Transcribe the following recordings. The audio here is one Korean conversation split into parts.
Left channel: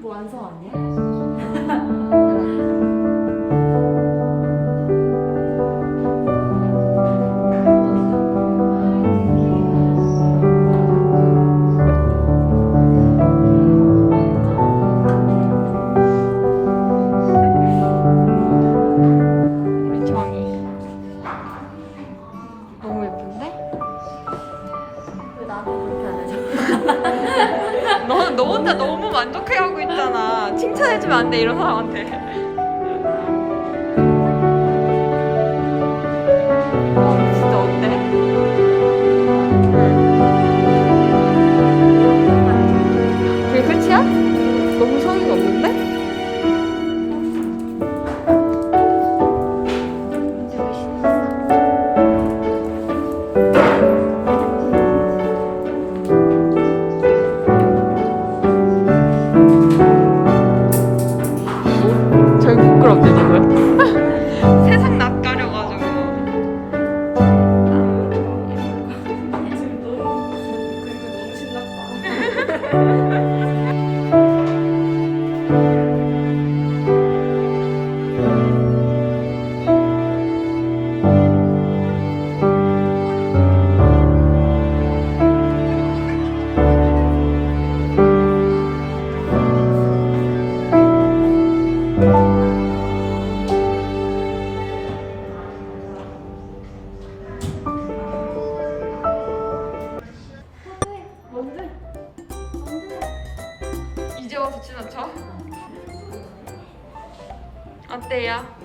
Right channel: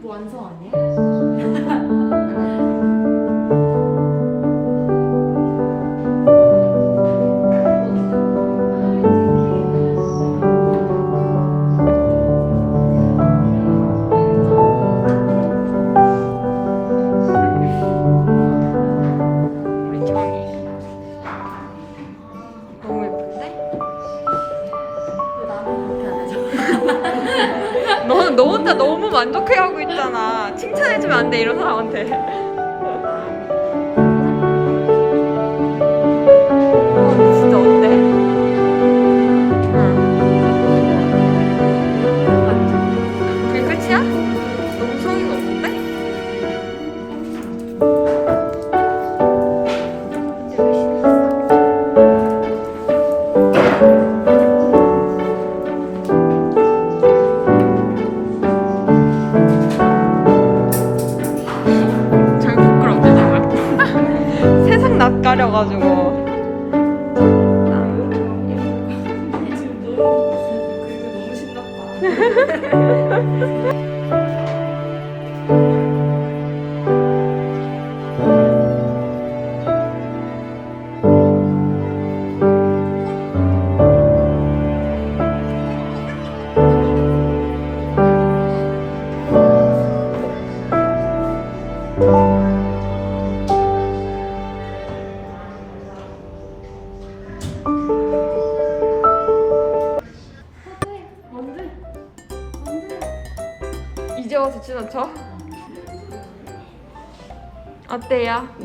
그뭐 완성 아니야? 너 혼자 너무 만족해하고 있잖아. 칭찬해주면 안 돼, 이런 사람한테. 가려가지고.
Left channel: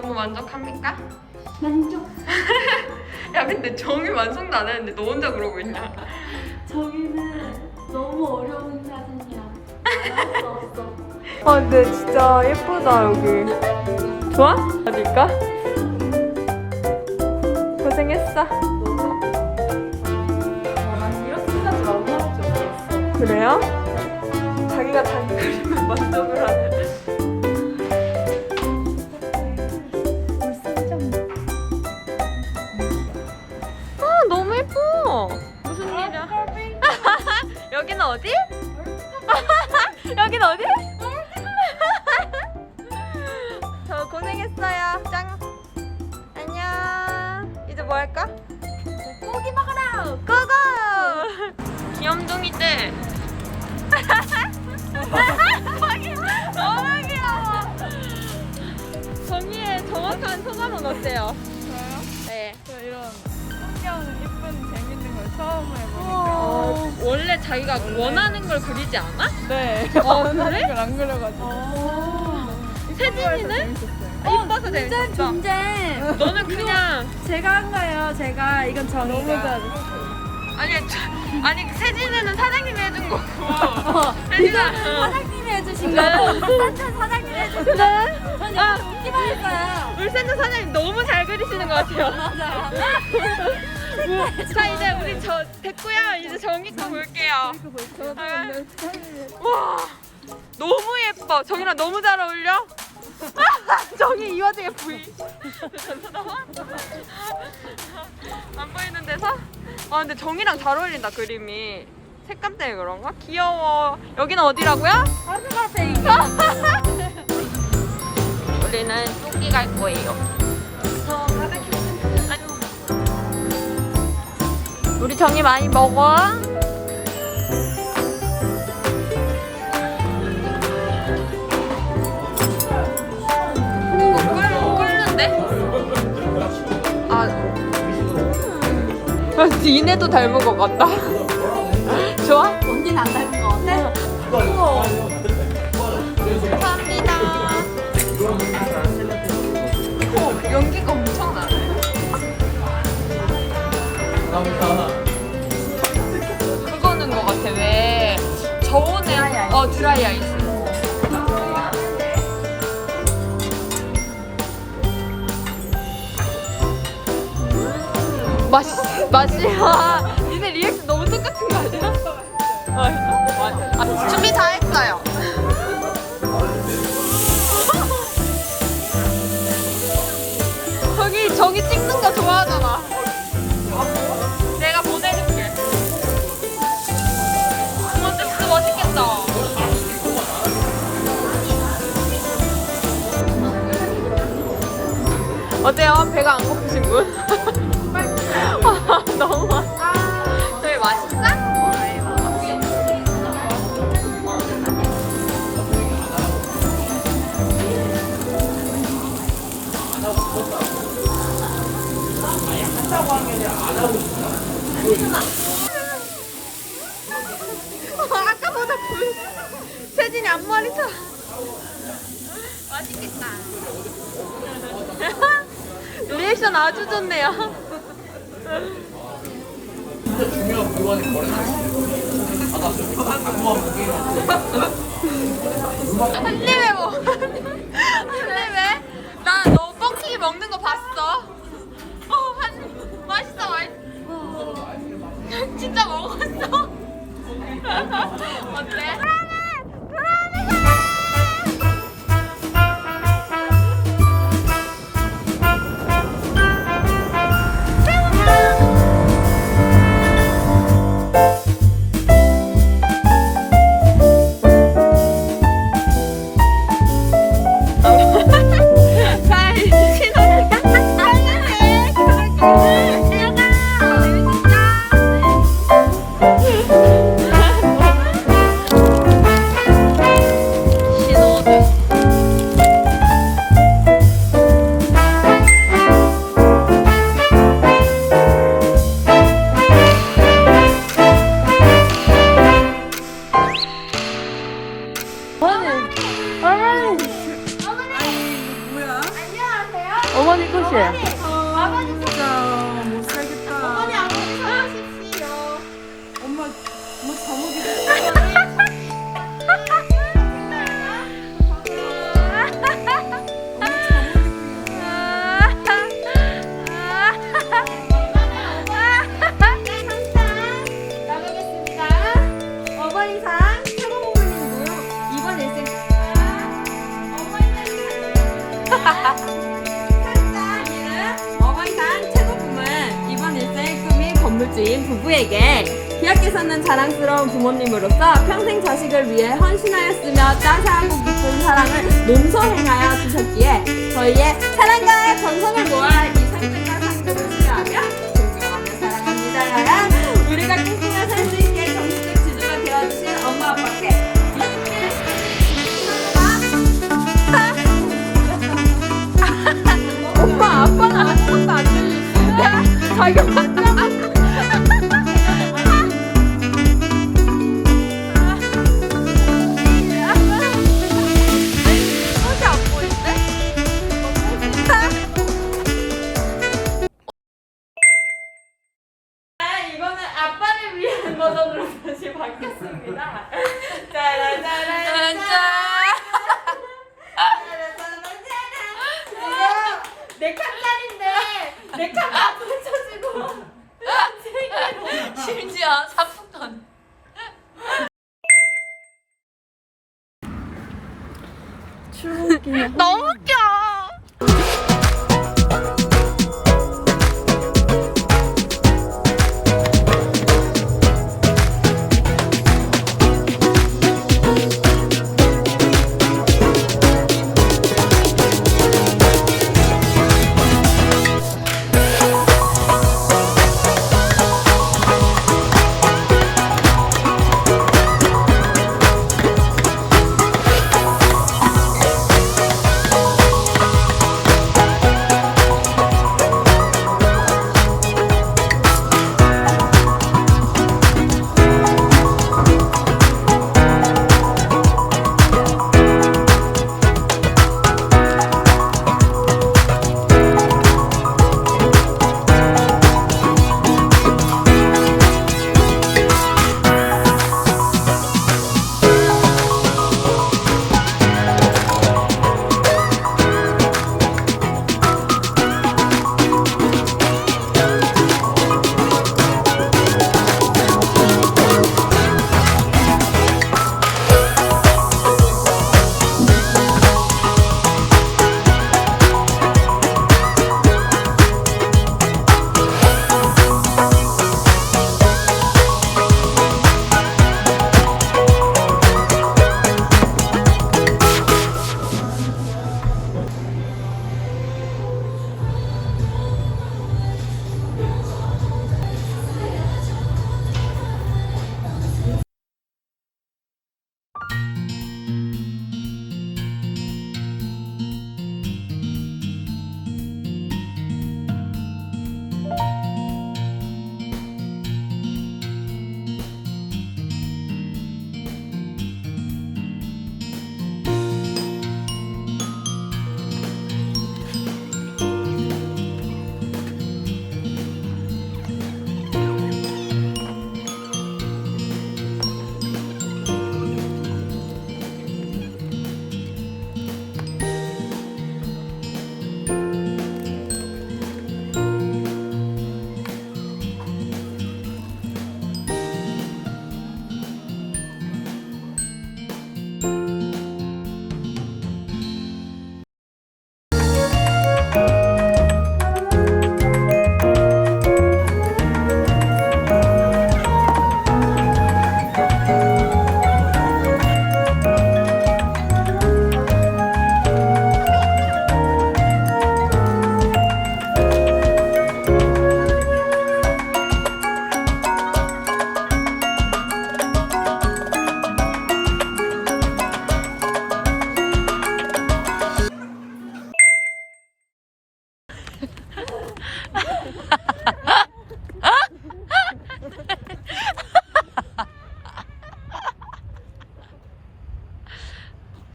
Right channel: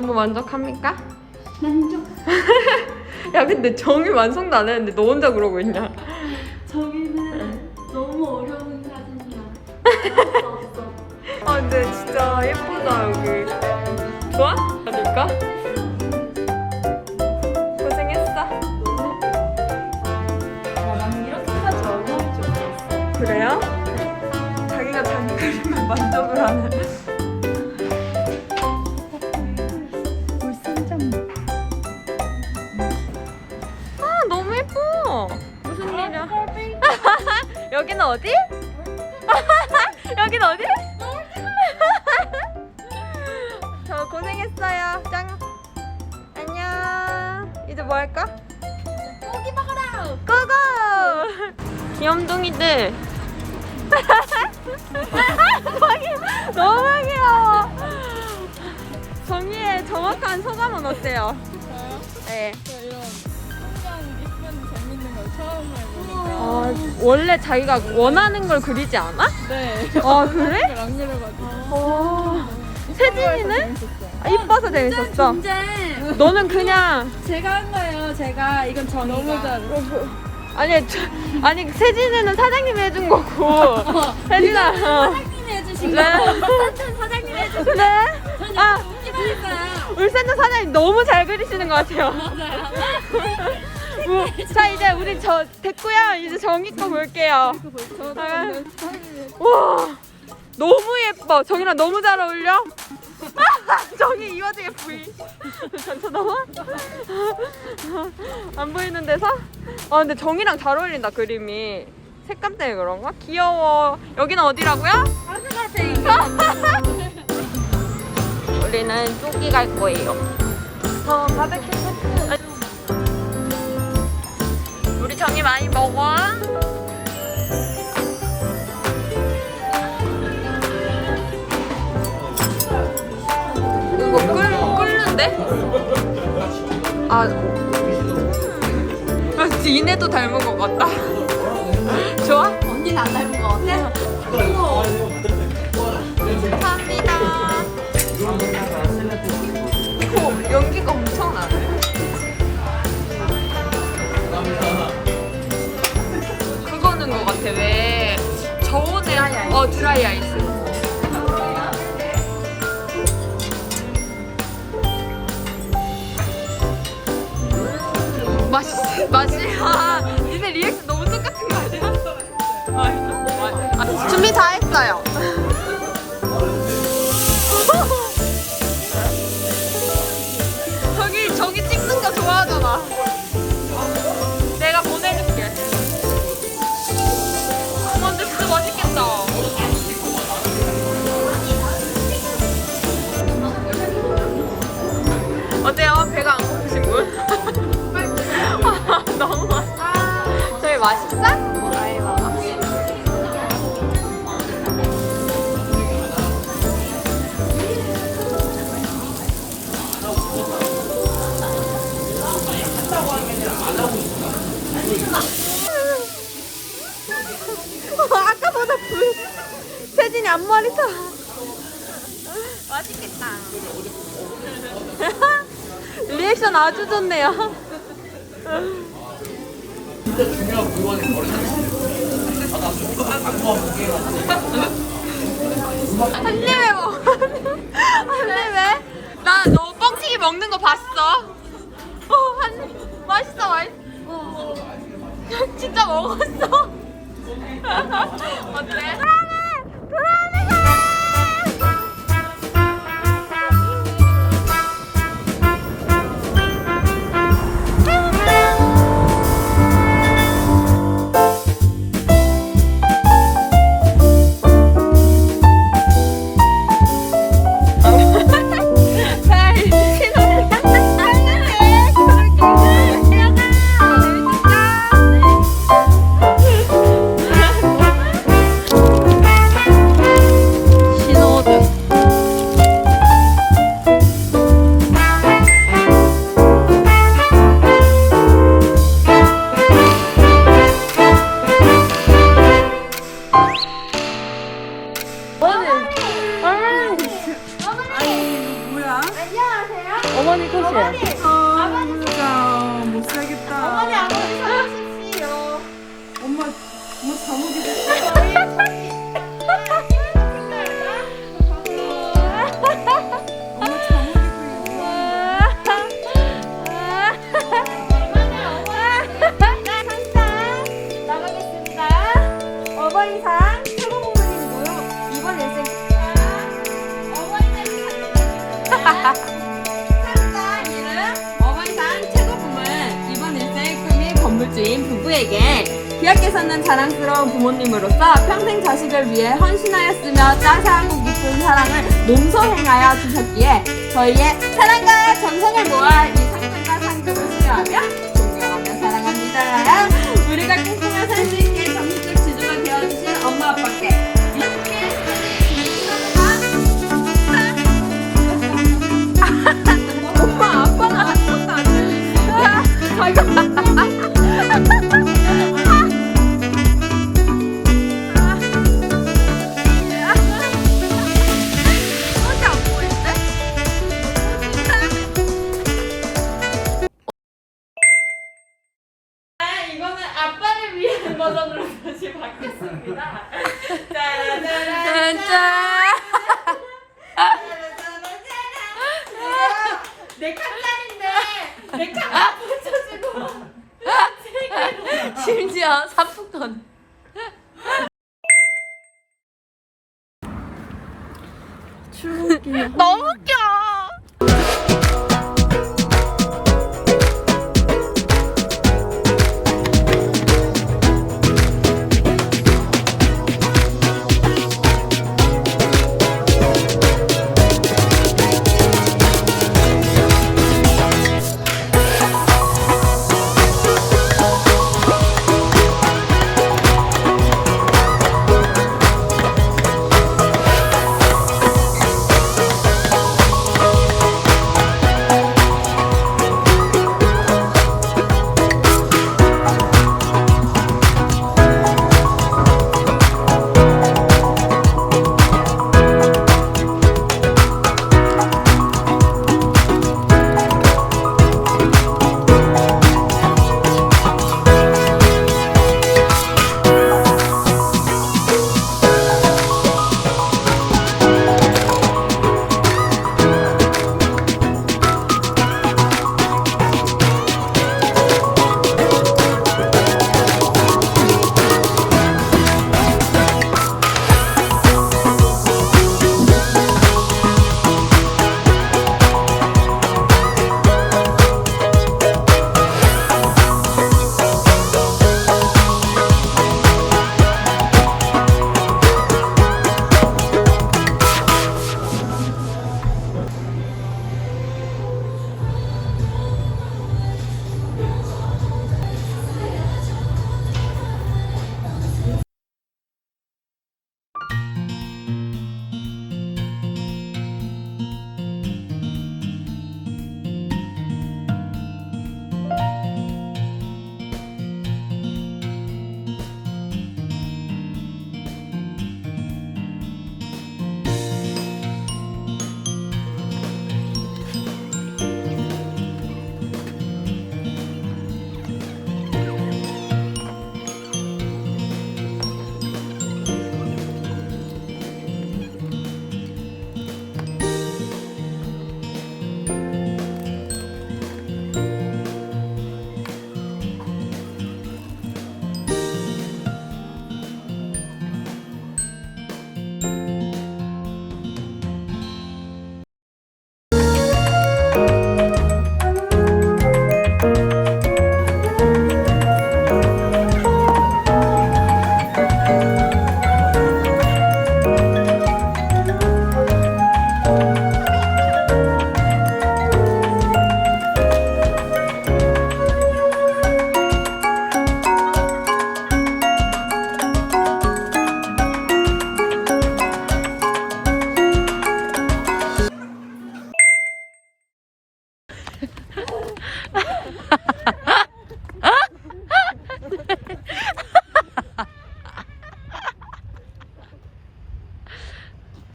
너무 만족합니까? 만족. 야 근데 정이 완성도 안 했는데 너 혼자 그러고 있냐? 저기는 너무 어려운 사진이야. 없어 없어. 아 근데 진짜 예쁘다 여기 좋아? 아닐까? 고생했어. 나는 이렇게까지 너무 할줄 몰랐어. 그래요? 자기가 단 그림에 만족을 하는 고생했어요 짱 안녕 이제 뭐 할까? 고기 먹어라. 고고! 귀염둥이들. 너무 귀여워. 정이의 정확한 소감은 어때요? 저요? 네. 저 이런 풍경 이쁜 재밌는 걸 처음 해보니까 원래 자기가 원하는 걸 그리지 않아? 네 어, 원하는 그래? 걸안 그려가지고 세진이는? 재밌었어요 이뻐서 재밌었어. 근데 너는 그냥 제가 한 거예요. 제가 이건 정이가. 잘 아니 저, 아니 세진이는 사장님이 해준 거고 세진아 사장님이 해주신 거고 울산전 사장님이 해주신 거. 전 이거 웃기만 했어요. 울산자 사장님 너무 잘 그리시는 것 같아요. 맞아요. 자 이제 우리 저 됐고요. 이제 정이 거 볼게요. 아. 와 너무 예뻐. 정이랑 너무 잘 어울려? 정이 이 와중에 너무 안 보이는 데서? 아 근데 정이랑 잘 어울린다 그림이. 색감 때문에 그런가 귀여워. 여기는 어디라고요? 우리는 쪼기 갈 거예요. 우리 정이 많이 먹어 니네도 닮은 것 같다. 좋아? 언니가 안 닮은 거 같아? 감사합니다. 오, 연기가 엄청 나네. 그거는 것 같아. 왜 저온에 어 드라이 아이스. 맛이 맛이야. 니네 리액션 너무 똑같은 거 아니야? 아, 아, 준비 다 했어요. 저기 저기 찍는 거 좋아하잖아. 내가 보내줄게. 어, 근데 진짜 맛있겠다. 어때요? 배가 안 맛있겠다. 리액션 아주 좋네요. 한 입에 먹어. 한 입에? 나너 뻥튀기 먹는 거 봤어. 어, 한 입. 맛있어, 맛있어. 진짜 먹었어. 주인 부부에게 귀하께서는 자랑스러운 부모님으로서 평생 자식을 위해 헌신하였으며 따스하고 깊은 사랑을 몸소행하여 주셨기에 저희의 사랑과 정성을 모아 이 상품과 상금을 수여하며 버전으로 다시 바뀌었습니다. 짜라짜라. 내 칸날인데. 내 칸날 붙여지고. 심지어 사품돈 너무 웃겨